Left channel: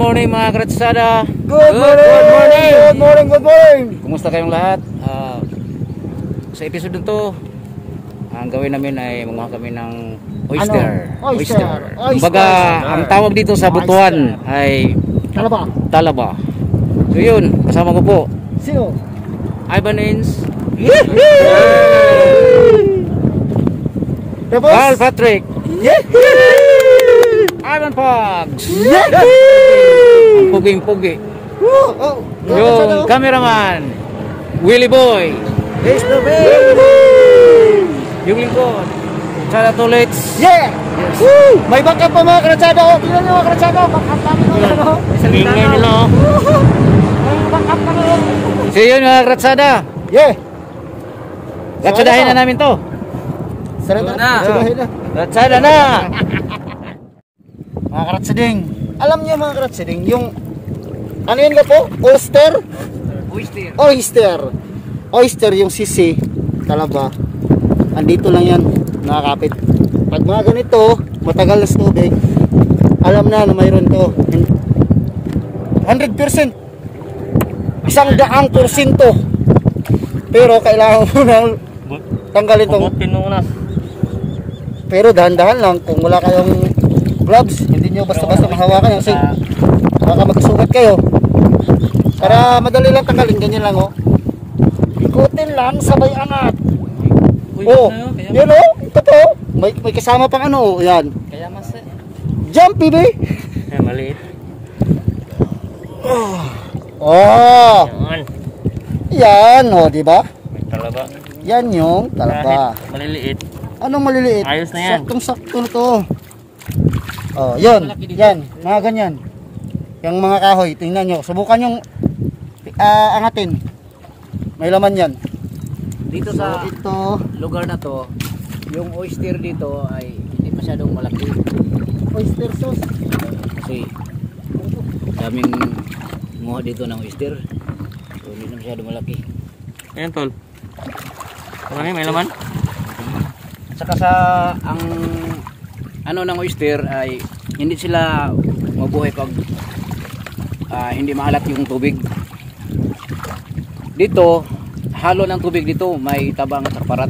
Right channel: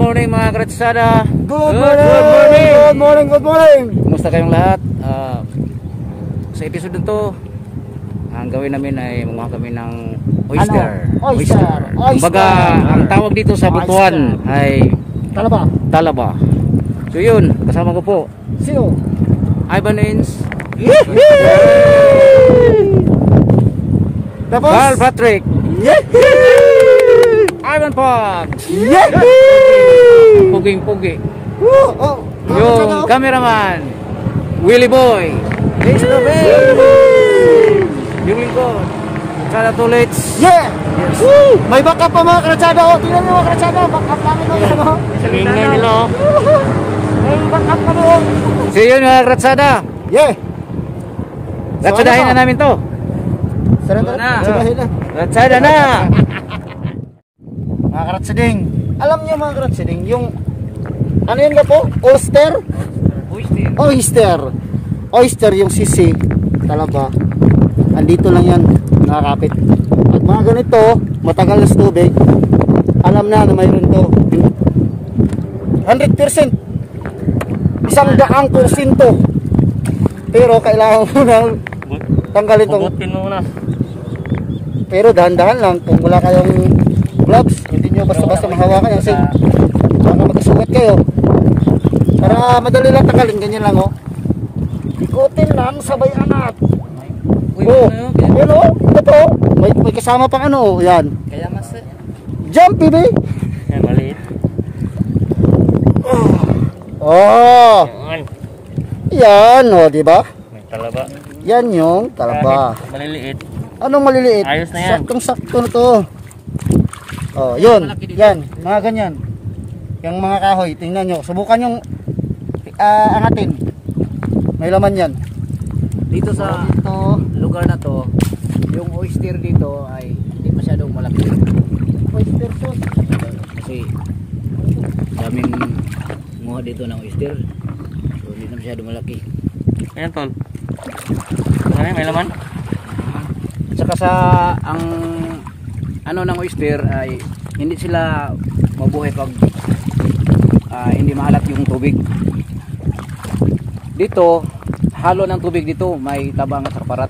morning mga kratsada. Good morning. Kumusta kayong lahat? Sa episode nito, ang gawin namin ay manguha kami ng oyster. Oyster. Kumbaga, ang tawag dito sa Butuan ay talaba. So yun, kasama ko po. Sino? Ivan Ins. Tapos? Carl Patrick. Ivan Pogs. Puging-pugi. Yung cameraman Willie Boy. Yung lingkod Kratsada Tulits. Yes. May backup pa mga kratsada. Tingnan nyo mga kratsada. Backup namin ko. Salingay nila. May backup ka doon. So yun mga kratsada. Kratsadahin na namin to. Kratsada na. Mga kratsading, alam niyo mga kratsading, yung ano yun ba po? Oyster yung sisi, talaba. Andito lang yan, nakakapit. Pag mga ganito, matagal na sa tubig, alam na mayroon to. 100%. 100%. Pero kailangan mo nang tanggalin tong. Pero dahan-dahan lang, kung wala kayong gloves, hindi nyo basta-basta mahawakan kasi baka magkasugat kayo. Para madali lang tanggalin, ganyan lang ikutin lang, sabay angat. Yun ito may kasama pang yan. Kaya mas jumpy ba? Maliit. Yan diba? May talaba. Yan yung talaba. Maliliit. Anong maliliit? Ayos na yan. Saktong-sakto na to. Yun. Yan. Mga ganyan. Yung mga kahoy. Tingnan nyo. Subukan yung angatin. May laman yan. Dito sa lugar na to, yung oyster dito ay hindi masyadong malaki. Oyster sauce. Kasi daming nguha dito ng oyster. So hindi na masyadong malaki. Ayan tol. May laman? Saka sa ang ng oyster ay hindi sila mabuhay pag hindi maalat yung tubig. Dito halo ng tubig dito, may tabang at parat.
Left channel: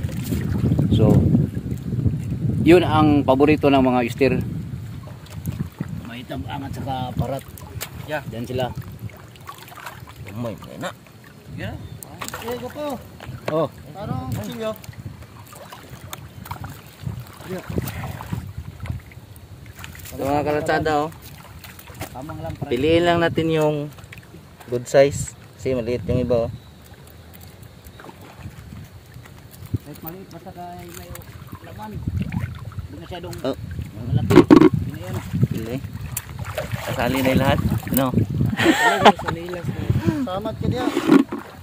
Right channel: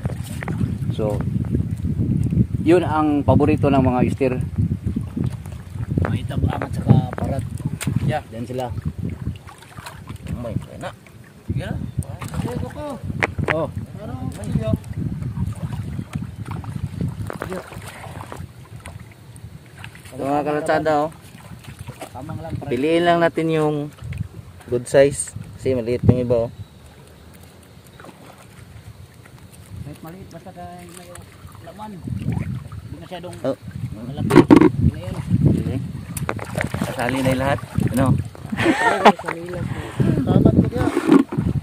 So yun ang paborito ng mga oyster, may tabang at saka parat. Diyan sila. May pena. So mga kalatsada piliin lang natin yung good size kasi maliit yung iba maliit basta may laman, hindi masyadong malaki. Kasali na yung lahat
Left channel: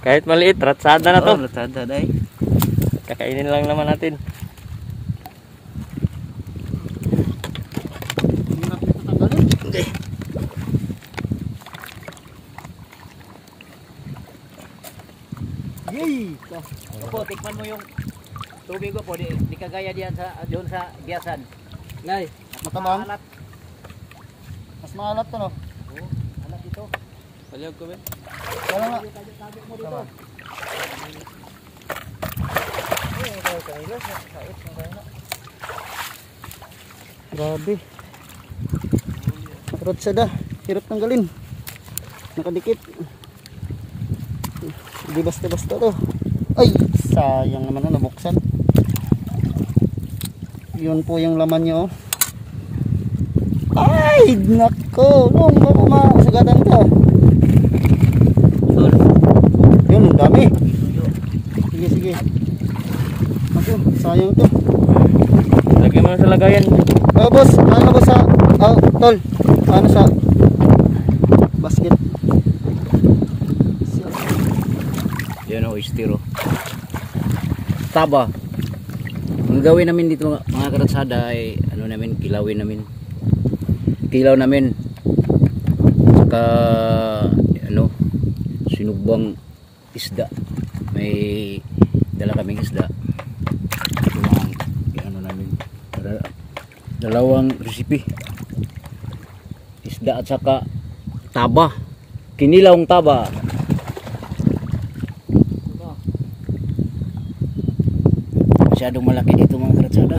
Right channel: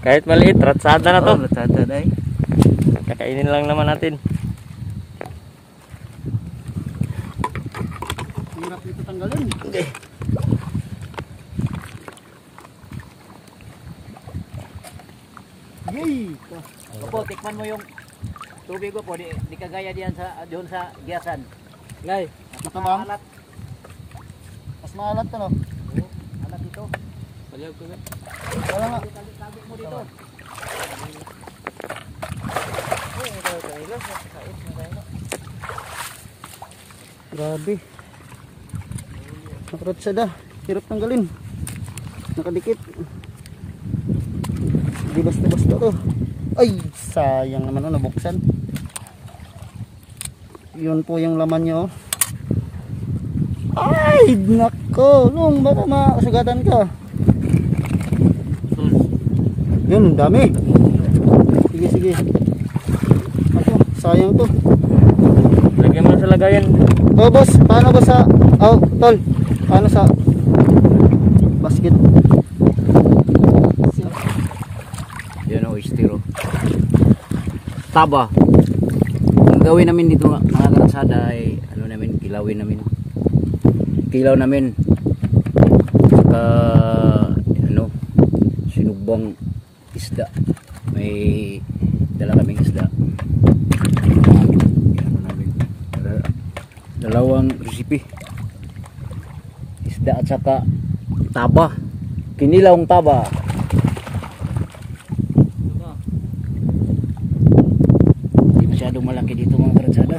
kahit maliit, ratsada na to. Ratsada na kakainin lang naman natin. Tikman mo yung tubig ko po, di kagaya diyan doon sa biyasan. Lay, makamang. Mas maalat to no? Oo, alat dito. Palihag ko ba? Wala nga. Grabe. Nakratsada, hirap tanggalin. Nakadikit. Di basta-basta to. Ay, sayang naman nabuksan. Yun po yung laman nyo. Ay, nako. Baka masugatan ka. Yun, ang dami. Sige. Sayang to. Lagyan mo na sa lagayan. Boss, paano ba sa tol? Paano sa basket? Yan oyster taba. Ang gawin namin dito mga karatsada ay kilawin namin. Kilaw namin. Saka sinugbang isda. May dala kaming isda. Namin. Dalawang recipe. Isda at saka Taba. Kinilawang taba. Masyadong malaki dito mga karatsada.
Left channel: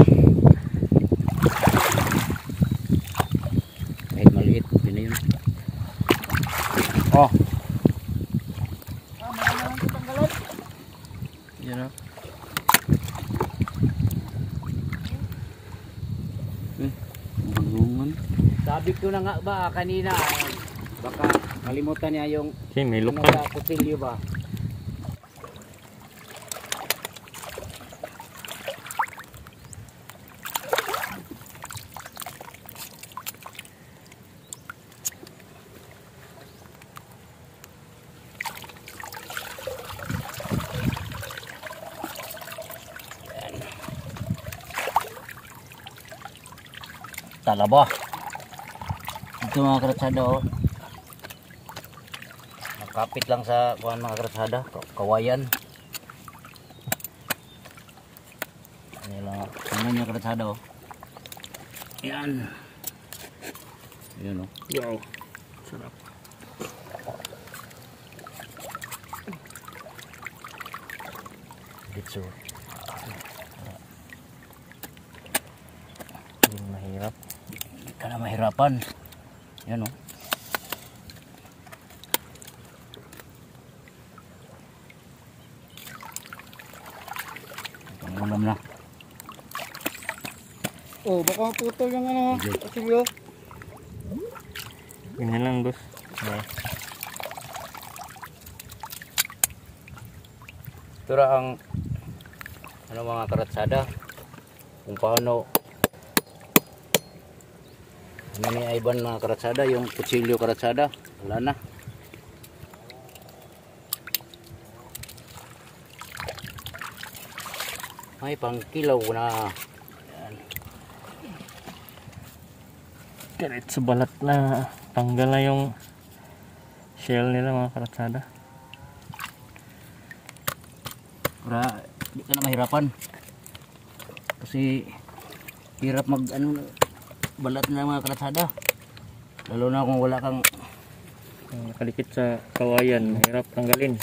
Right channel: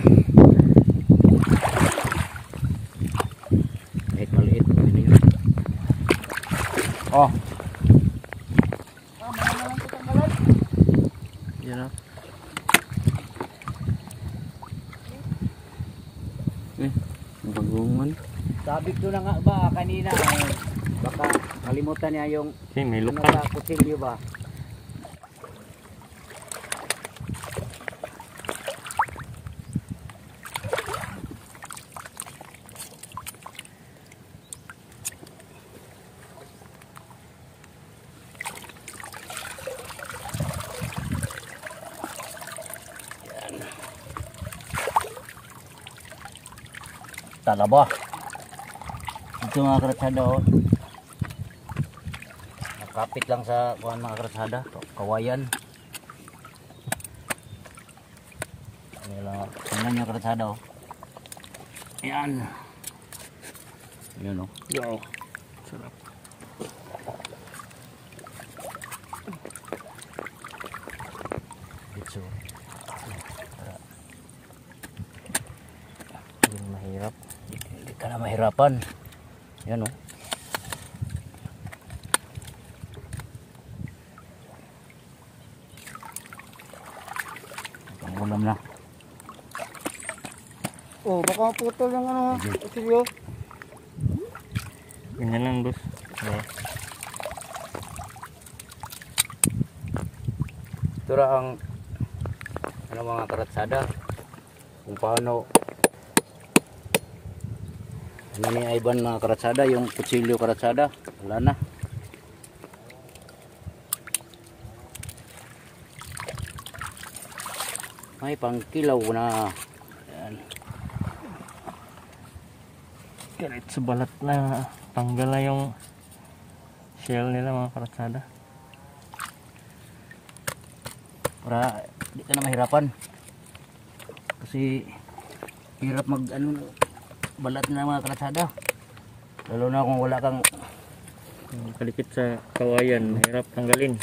Kahit maliit, hindi na yun. Oh. Yan o. Bagungan. Sabi ko na nga ba kanina, baka kalimutan niya yung may ano ba, kutilyo ba? Talaba. Ito mga karatsada oh. Nakapit lang sa kuhan mga karatsada, kawayan. Ano lang, tingnan nyo karatsada oh. Yan. Yun oh. Wow. Sarap. Dito. Hindi mahirap. Hindi ka na mahirapan. Yan o. Pangulam na. Oh, baka maputol yung ano, kutilyo. Ganyan lang, boss. Okay. Ito ra ang ano mga karatsada kung paano ano ni Ivan mga karatsada, yung kutsilyo karatsada wala na. May pangkilaw na. Yan. Kahit sa balat na tanggal na yung shell nila mga karatsada. Para di ka na mahirapan. Kasi hirap mag ano balat na mga karatsada. Lalo na kung wala kang Nakalikit sa kawayan, mahirap tanggalin.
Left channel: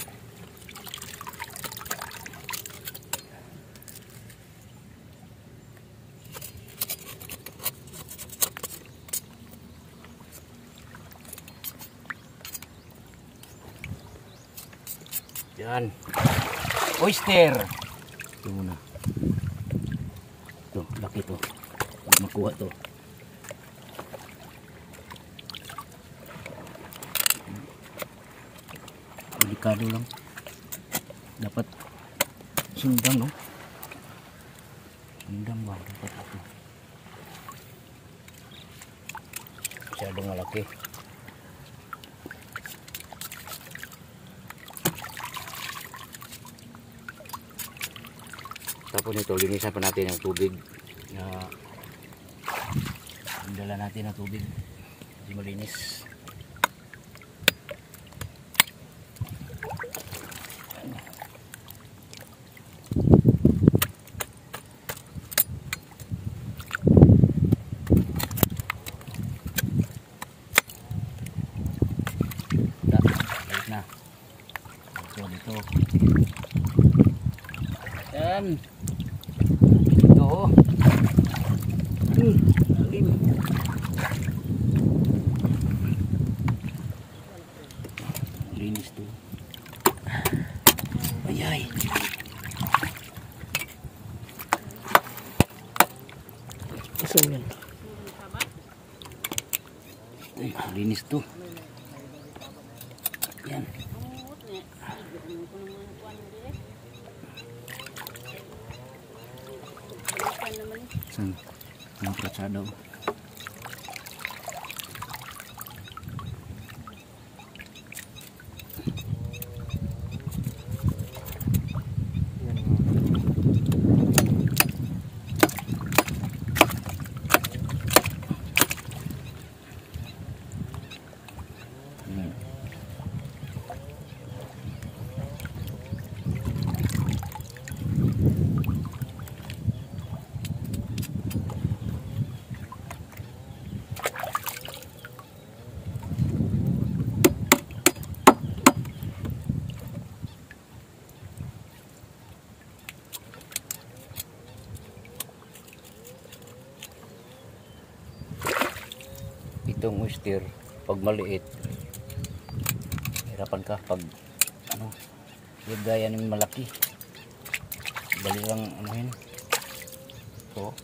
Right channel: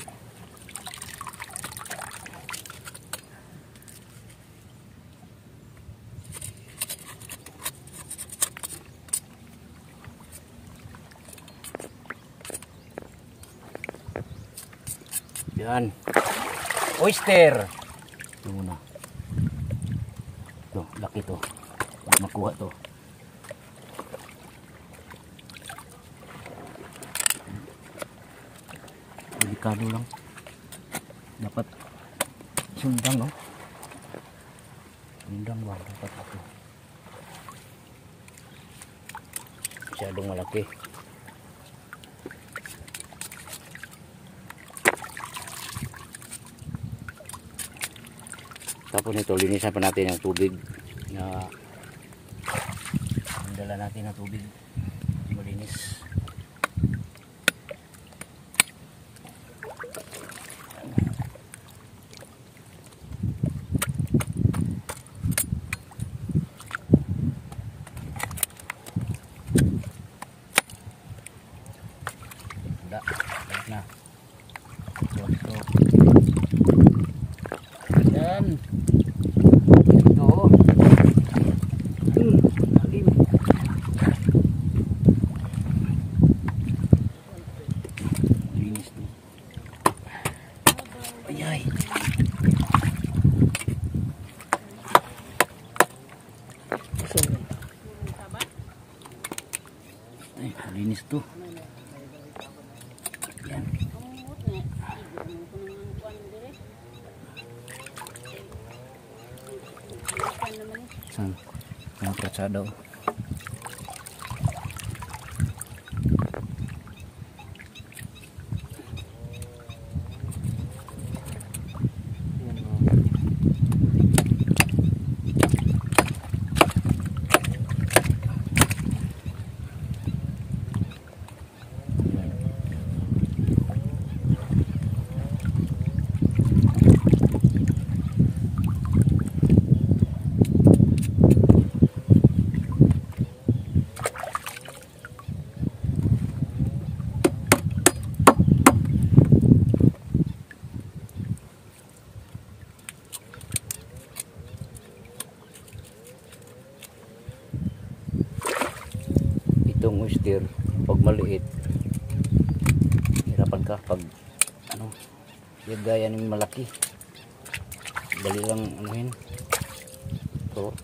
yan. Oyster. Ito muna. Ito, laki to. Makuha to. Delikado lang. Dapat sundang, no? Sundang ba? Dapat ito. Masyadong malaki. Tapos nito, linisan pa natin yung tubig na dala natin ng tubig malinis. Balik na. Ito. Yan. Ito. Lalim. Linis to. Ayay. Ay, linis to. Yan. Ang katsada. itong oyster pag maliit. Hirapan ka pag ano, yung gaya ng malaki. Dali lang anuhin. So,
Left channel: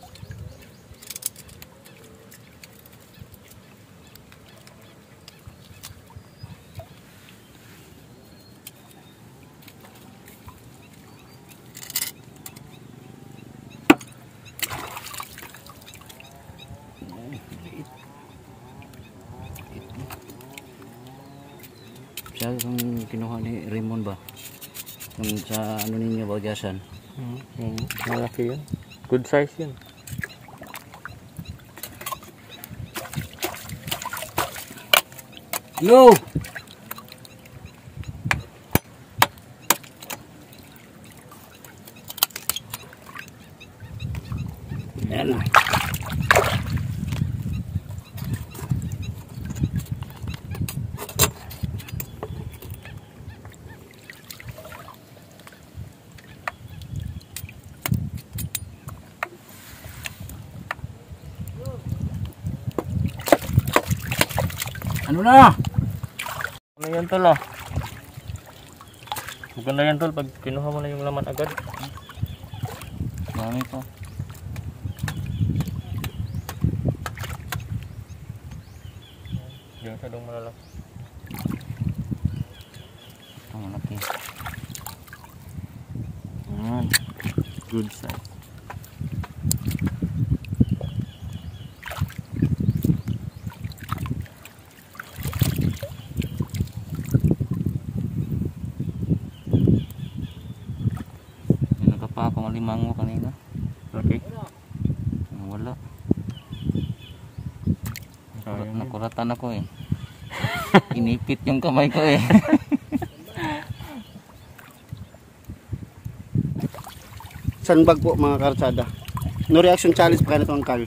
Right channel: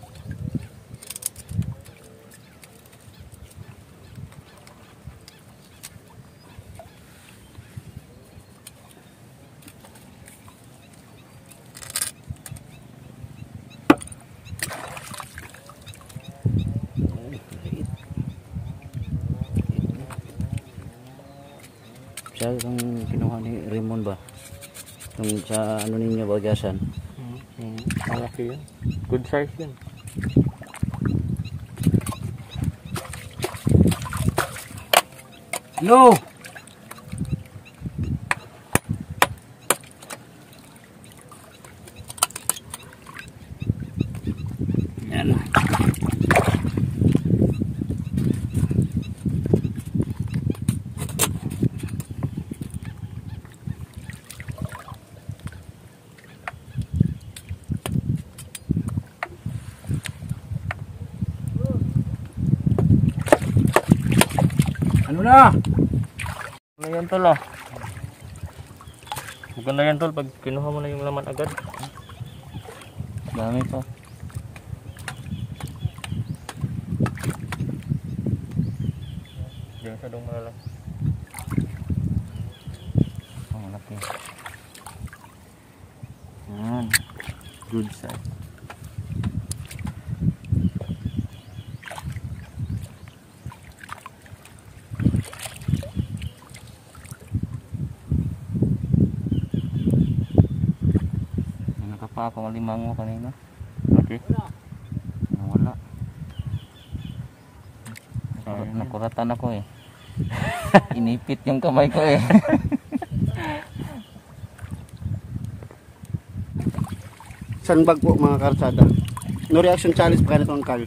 siya kung kinuha ni Raymond ba yung sa ano ninyo bagasan. Malaki yun, good size yun. Yo! Yan. Ano na? Ano yan tol ah? Maganda yan tol pag kinuha mo na yung laman agad. Dami to. Hindi masyadong malalaki. Ang malaki. Yan. Good size. Pa ako malimango kanina. Okay. Wala. Nakuratan ako eh. Inipit yung kamay ko eh. Sandbag po mga karsada. No reaction challenge pa kanito ang Carl.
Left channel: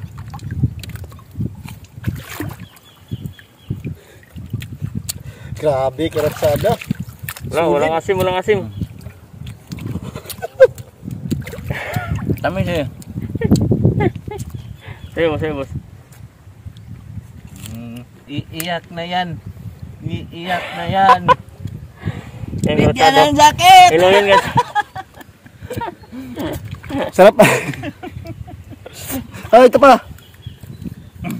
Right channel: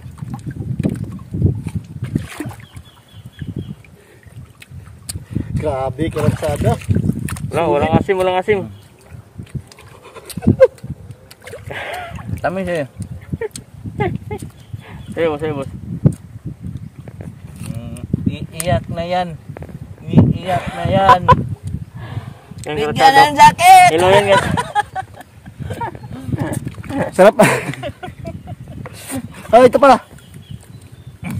Grabe karsada. Walang asim, walang asim. Tamis eh. Sayo boss. Iiyak na yan. Iiyak na yan. Yan Bigyan ng jacket! Hello yan guys. Sarap. Ay, ito pala.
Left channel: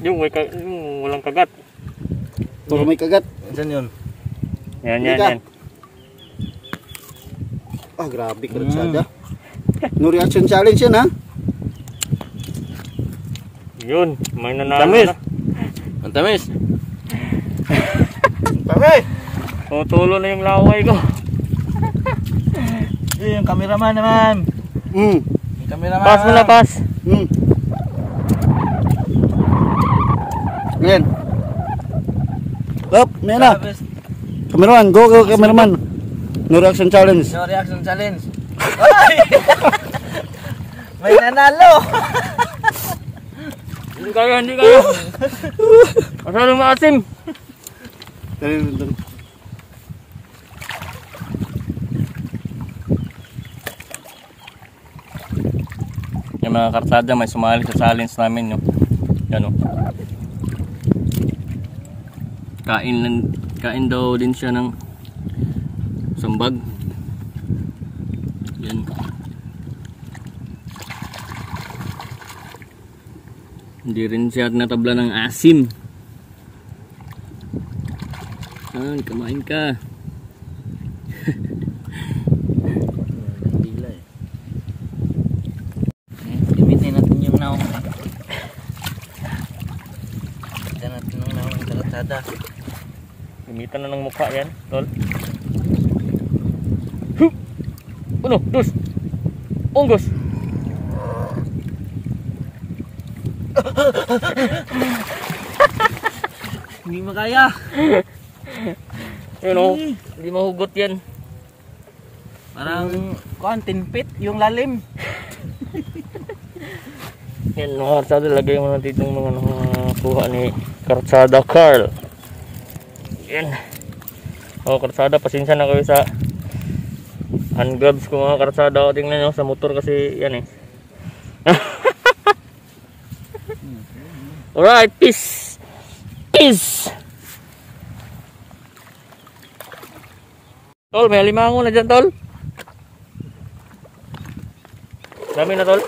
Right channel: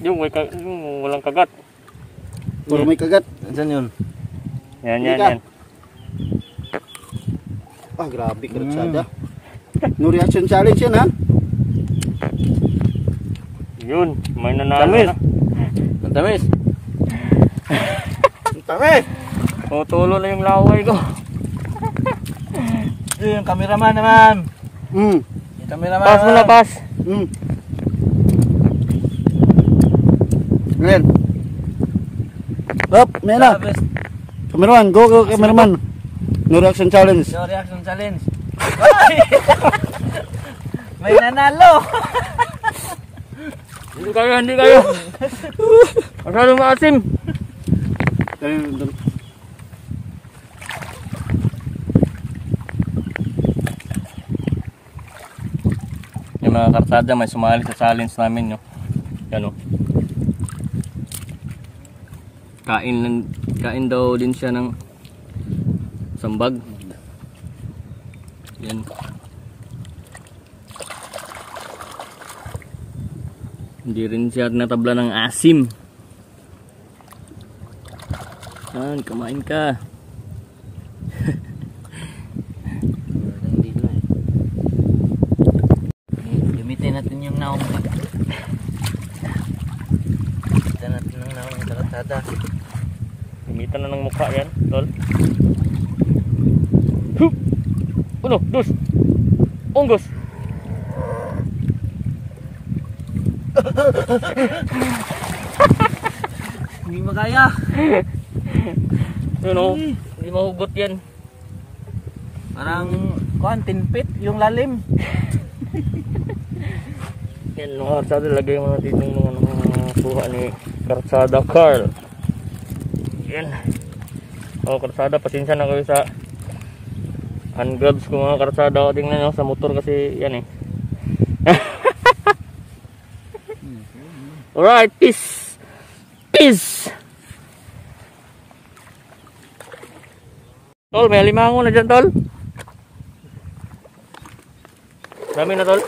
Yung walang kagat. Puro may kagat. Diyan yun. Yan. Ah, grabe karsada. No reaction challenge yun ha. Yun, may nanalo Tamis. na. Ang tamis. Tamis. Tutulo na yung laway ko. Yung cameraman naman. Yung cameraman. Pass mo na, pass. Ngayon. Up, may na. Cameraman, go cameraman. No reaction challenge. No reaction challenge. May nanalo. Hindi kayo. Masyadong maasim. Dali. Yung mga karsada may sumali sa challenge namin yun. Yan o. Kain daw din siya ng sambag. Yan. Hindi rin siya natabla ng asim. Kumain ka. Gamitin natin yung naong. Gamitin natin ng naong kalatada. Gamitan na ng mukha yan, tol. Hup! 1, 2, unggos! Hindi makaya. Yun o, hindi mahugot yan. Parang tinpit yung lalim. Yan mga karsada, lagay mo natin yung mga nakuha ni Karsada Carl. Yan. O karsada, pasensya na kayo sa hand gloves ko mga karsada. O tingnan nyo sa motor kasi yan eh. Alright, peace. is. Tol, may alimango na dyan, tol. Dami na, tol.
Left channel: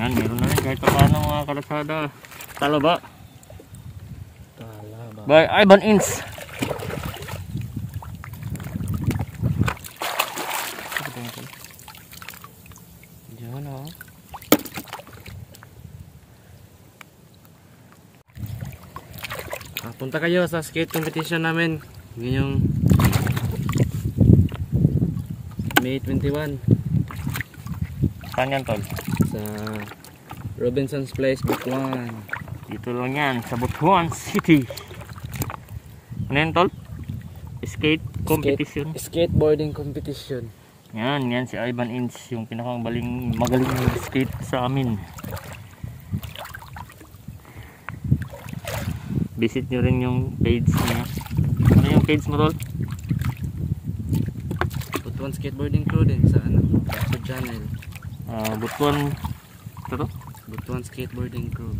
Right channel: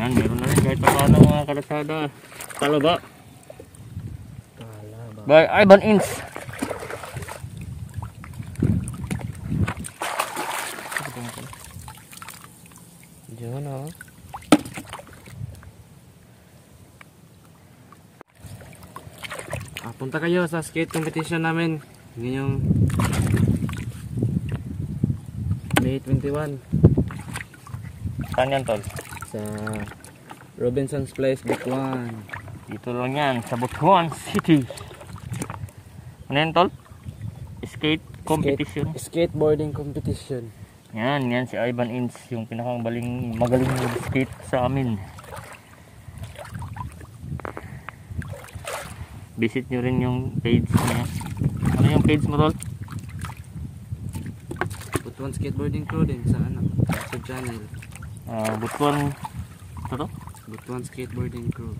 Yan, meron na rin kahit paano mga kalatsada. Talaba. By Ivan Ince. Diyan o. Punta kayo sa skate competition namin ngayong May 21. Saan yan, tol? Sa Robinson's Place, Butuan. Dito lang yan, sa Butuan City. Ano yan, tol? Skate competition. Skateboarding competition. Yan si Ivan Ince, yung magaling skate sa amin. Visit nyo rin yung page niya. Ano yung page mo, tol? Butuan Skateboarding Crew din sa sa channel. Butuan ito to? Butuan Skateboarding Crew.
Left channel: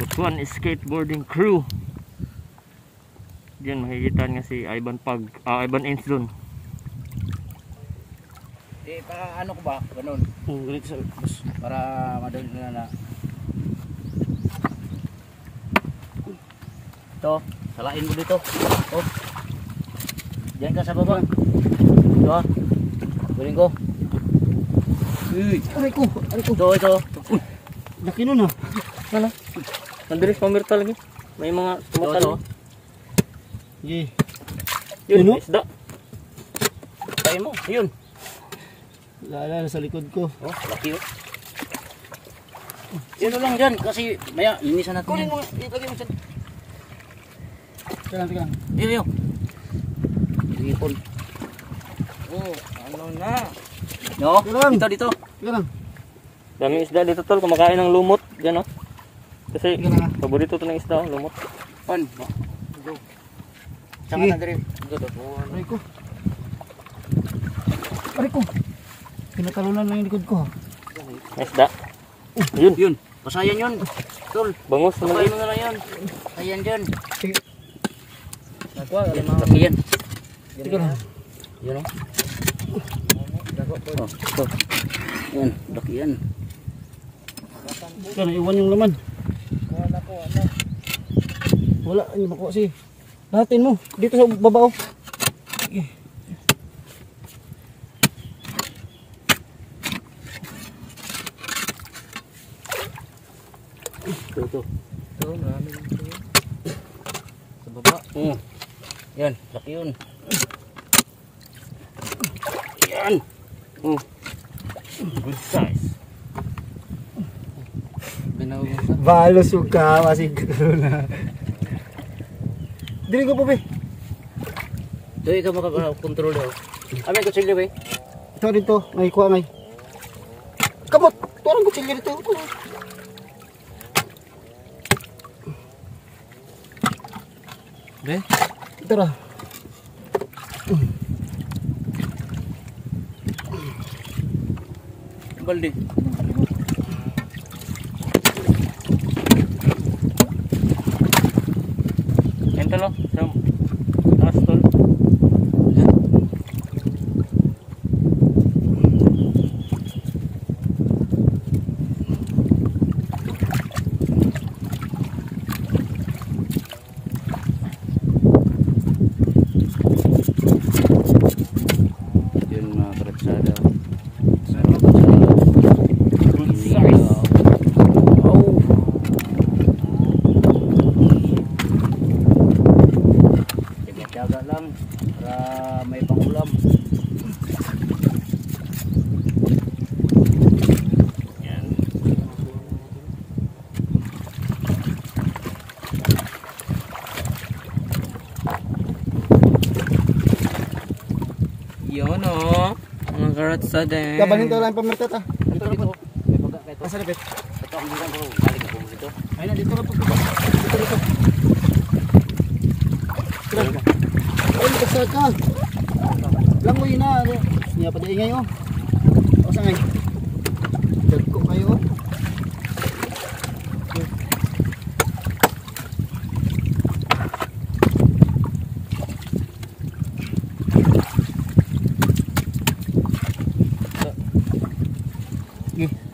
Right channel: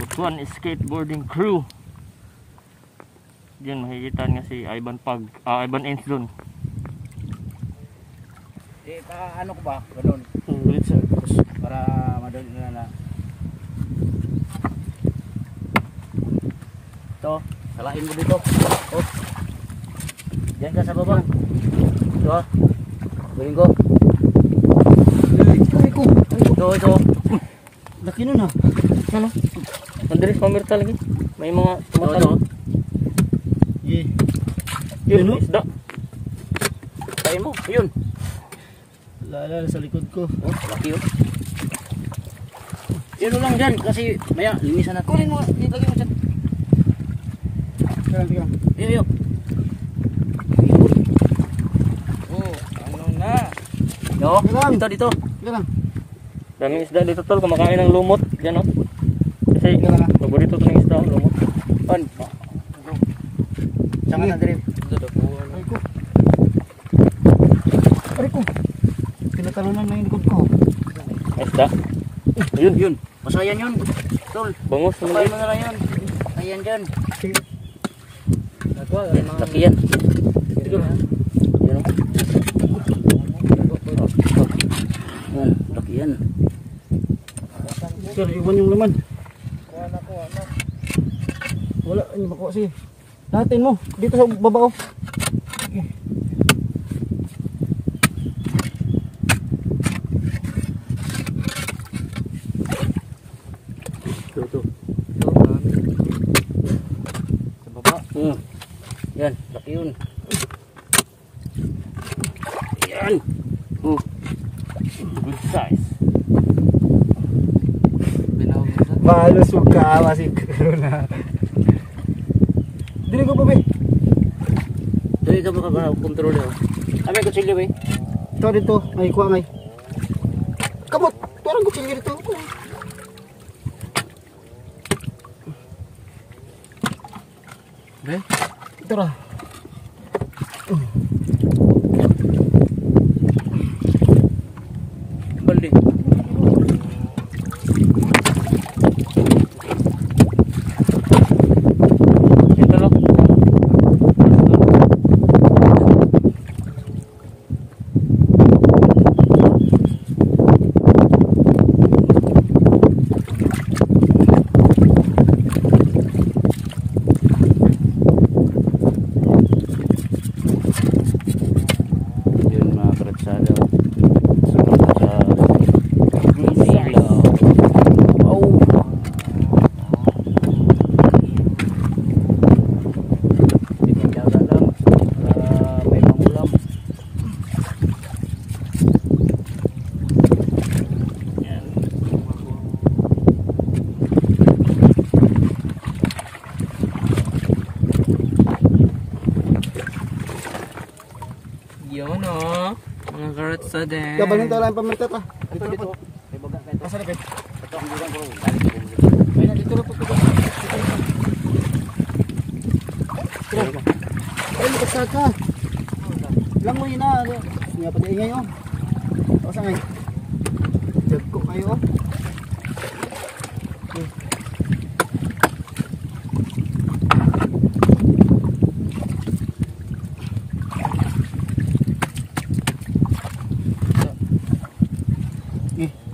Butuan Skateboarding Crew. Diyan makikita nga si Ivan Ivan Ince dun. Ano ko ba? Ganun. Para madali na. Ito, salain mo dito. Oh. Diyan ka sa babang. Ito ha. Guling ko. Ay ko. Ito. Laki nun, oh. Ano? Andres pamirta lagi. May mga tumatalo. Yun, Ano? isda. Kain mo. Ayun. Lala sa likod ko. Oh, laki yun. Yun lang dyan kasi maya linisan natin. Kunin mo. Lagay mo dyan. Tika lang. Iyo. Ipon. Oh, ano na? No, dito. Tika lang. Daming isda dito, tol. Kumakain ng lumot. Diyan, oh. Kasi paborito to ng isda, lumot. On. Sama na dire. Aray ko. Pinatalunan na yung likod ko. Isda. Yun. Masayan yun. Tol. Bangus na Sabay maliit. mo na lang yun. Ayan dyan. Laki yan. Tika lang. Yun o. Yan, laki yan. Tika lang, iwan yung laman. Wala, hindi makuha si. Lahatin mo. Dito sa baba, oh. Ito. Sa baba. Yan, laki yun. Yan. Good size. Binawin ito. Malusog ka, masig na. Dili ko pa, be. Doy ka makakontrol daw. Kami kutsilyo ba? Ito dito, may kuha ngay. Kamot, parang kutsilyo dito. Be? Tara. Balde. Ito lo. Yan mga karatsada. Good size. Jaga lang para may pangulam. Yun o. Mga karatsada. Gabalhin tayo lang pamirtat, ah. Dito. May baga ka ito. Asa na, be? Ito ang bilang ko. Balik ko. Ayun na, dito na pagkakas. Dito na. Tira. Ay, magkasal ka. Langoy na. Niya pa di ingay, oh. O, sa ngay. Dagko kayo.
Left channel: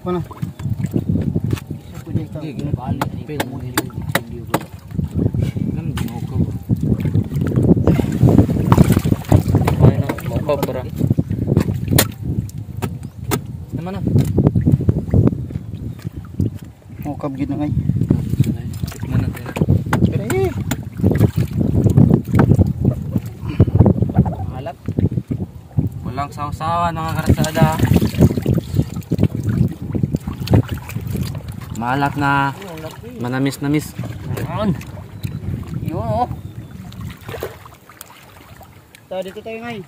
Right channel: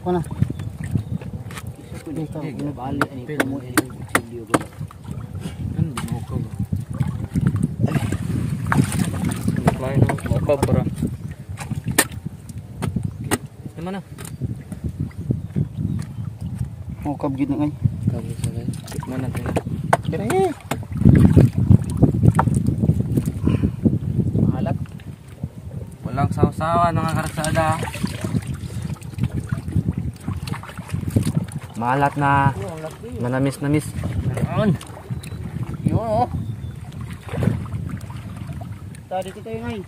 Ko na. Isa po dyan ikaw. Gini pa alit. Pwede mo yung video ko. Ganun din ako ba? Ay na, mukha bro. Naman na. Mukab gid na ngay. Tikman natin na. Pero eh. Halat. Walang sawa-sawa mga karsada. Malat na manamis-namis. Ayun. Yun oh. Tadi dito tayo ngay.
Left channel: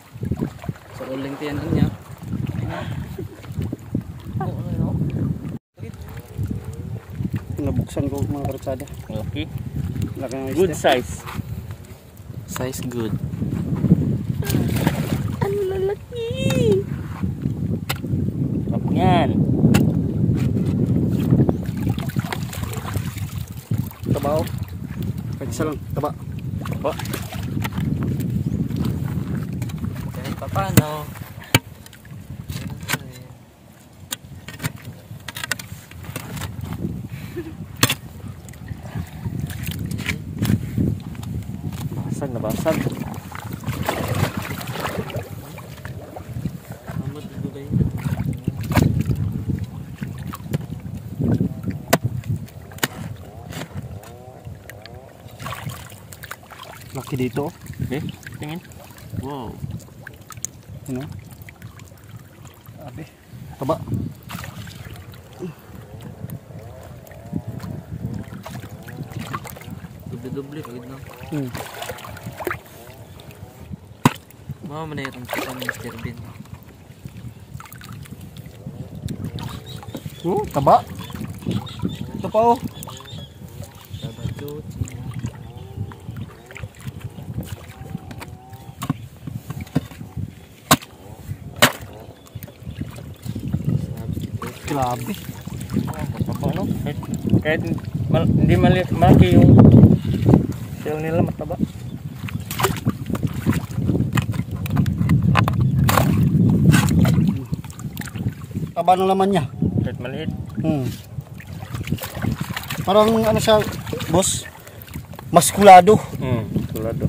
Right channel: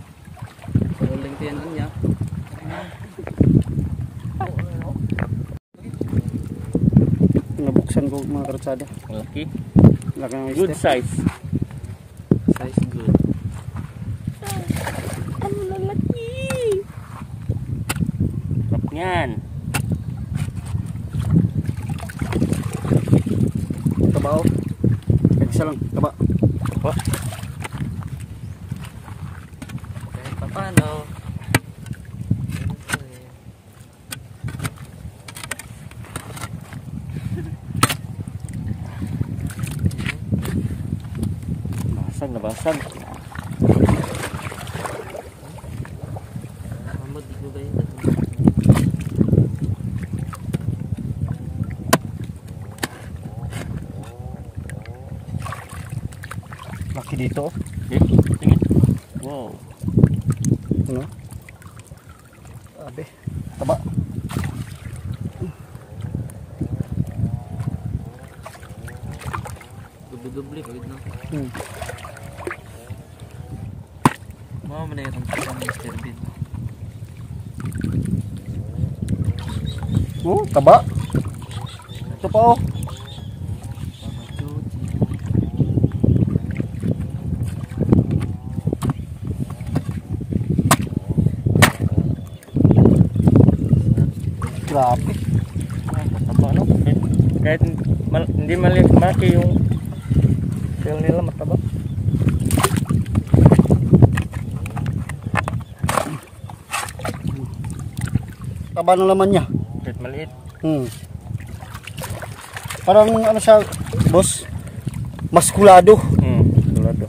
Sa uling tiyan din niya. Nabuksan ko mga karsada. Okay. Laki ng Good oyster. size. Size good. Ang lalaki. Sarap niyan. Taba oh. Isa lang, taba. Apa? Kahit pa paano. Basag na basag. Amat gulay. Laki dito. Okay, tingin. Wow. Ano? Abe. Taba. Doble-doble kagad na. Mga manayarang pa ng Mr. Bean. Taba. Ito pa oh. Tama chuchi. Grabe. Mataba no? Kahit hindi malaki yung shell nila mataba. Taba ng laman niya. Kahit maliit. Parang ano siya, boss? Maskulado. Maskulado.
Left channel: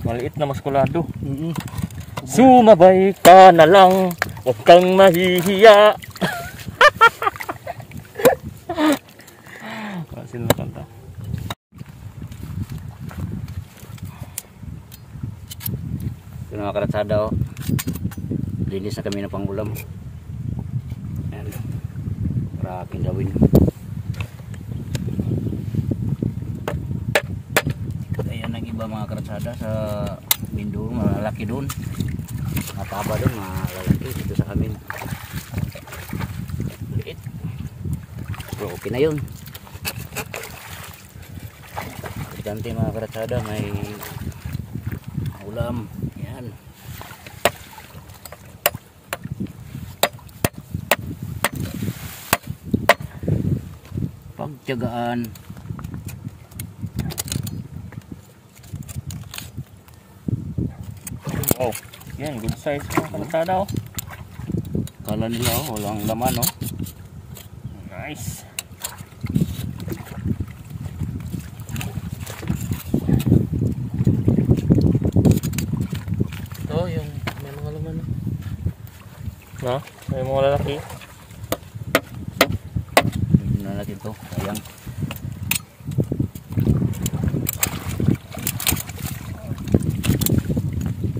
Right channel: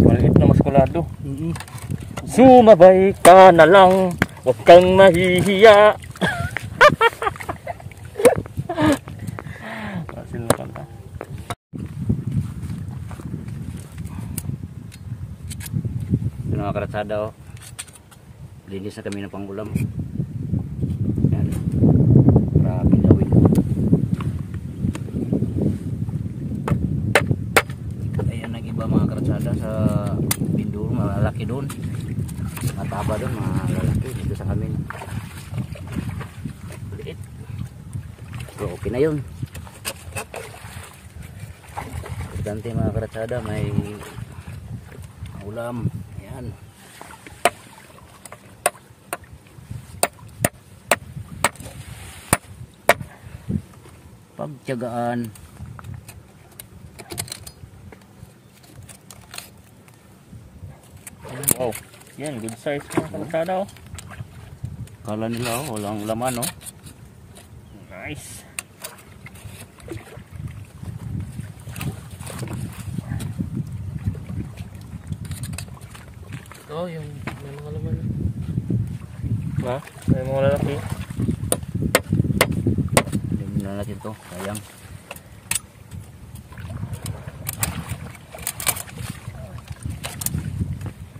Maliit na maskulado. Sumabay ka na lang, huwag kang mahihiya. Masin na kanta. Ito na mga karatsada oh. Linis na kami ng pangulam. Yan. Grabe gawin. Ayan ang iba mga karatsada sa Mindoro, malalaki doon. Mataba doon, malalaki dito sa amin. Liit. Pero okay na yun. Importante mga karatsada, may ulam. Yan. Pagtiyagaan. Wow, yan, good size mga karatsada oh. Kala nila oh, walang laman oh. Nice. Oh, yung may mga laman. No? May mga lalaki. Tignan na natin to, sayang.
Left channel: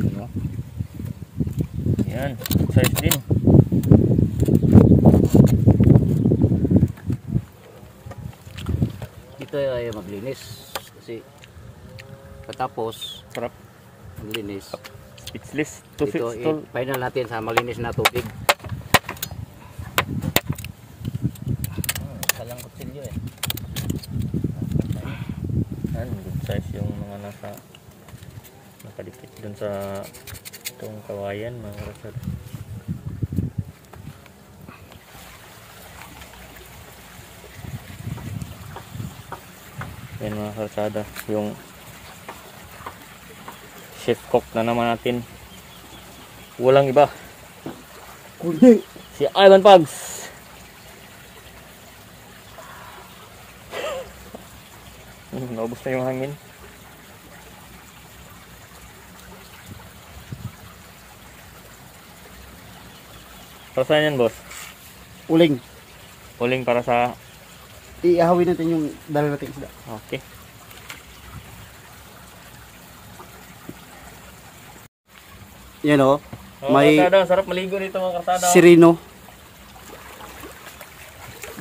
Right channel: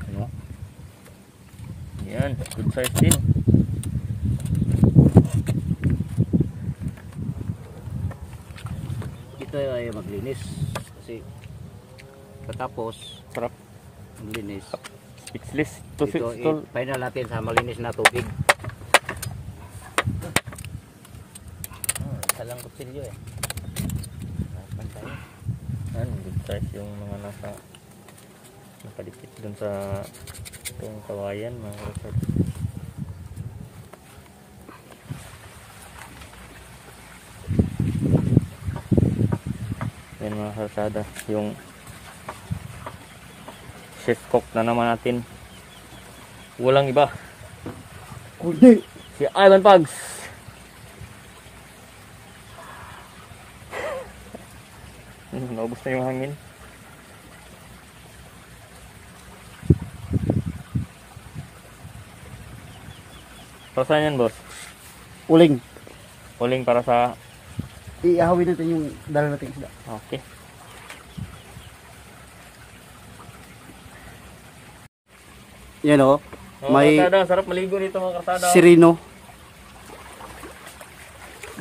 Ano? Yan, good size din. Ito ay maglinis kasi katapos Sarap. maglinis. Speechless. Ito i-final natin sa malinis na tubig. Salang kutsilyo eh. Yan, good size yung mga nakadikit dun sa itong kawayan mga karatsada. mga karsada. Yung chef cook na naman natin. Walang iba. Kundi. Si Ivan Pugs. Naubos na yung hangin. Para saan yan, boss? Uling. Uling para sa... Iahawin natin yung dala natin isda. Okay. Yan o. May karsada, sarap maligo dito mga karsada. sirino.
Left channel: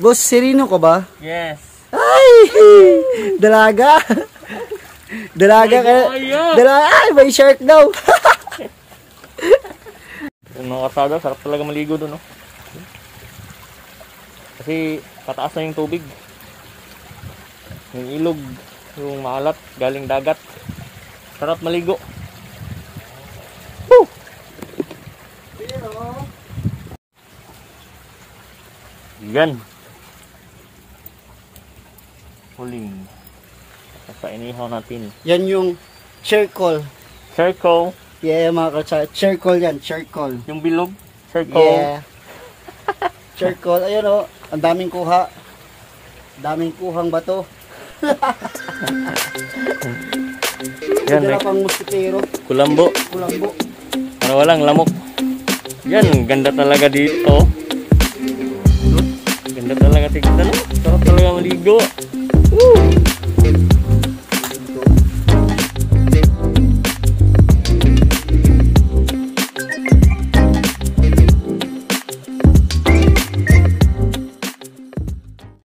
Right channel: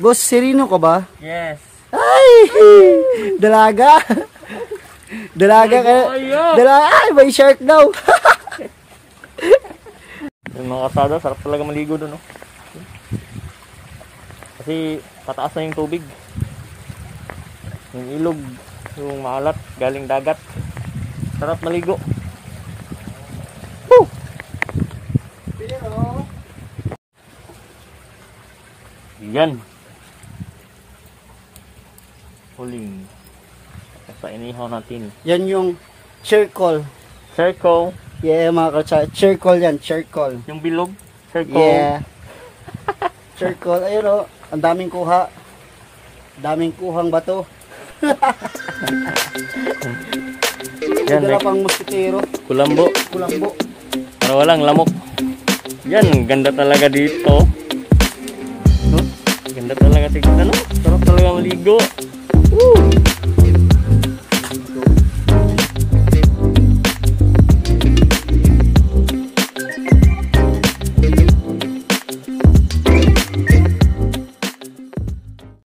Boss, sirino ka ba? Yes. Ay! Dalaga! Dalaga ka. Dalaga! Ay, may shark daw! Yung mga karsada, sarap talaga maligo doon, no? Kasi pataas na yung tubig. Yung ilog, yung maalat, galing dagat. Sarap maligo. Woo! Yan. Huling. Sa inihaw natin. Yan yung charcoal. Circle. Yeah, mga katsada. Charcoal yan, charcoal. Yung bilog. Circle. Yeah. Charcoal. Ayun o. Ang daming kuha. Daming kuhang bato. Yan, Sigara pang muskitero. kulambo. Kulambo. Para walang lamok. Yan, ganda talaga dito. Ganda talaga tignan, no? Sarap talaga maligo. Woo!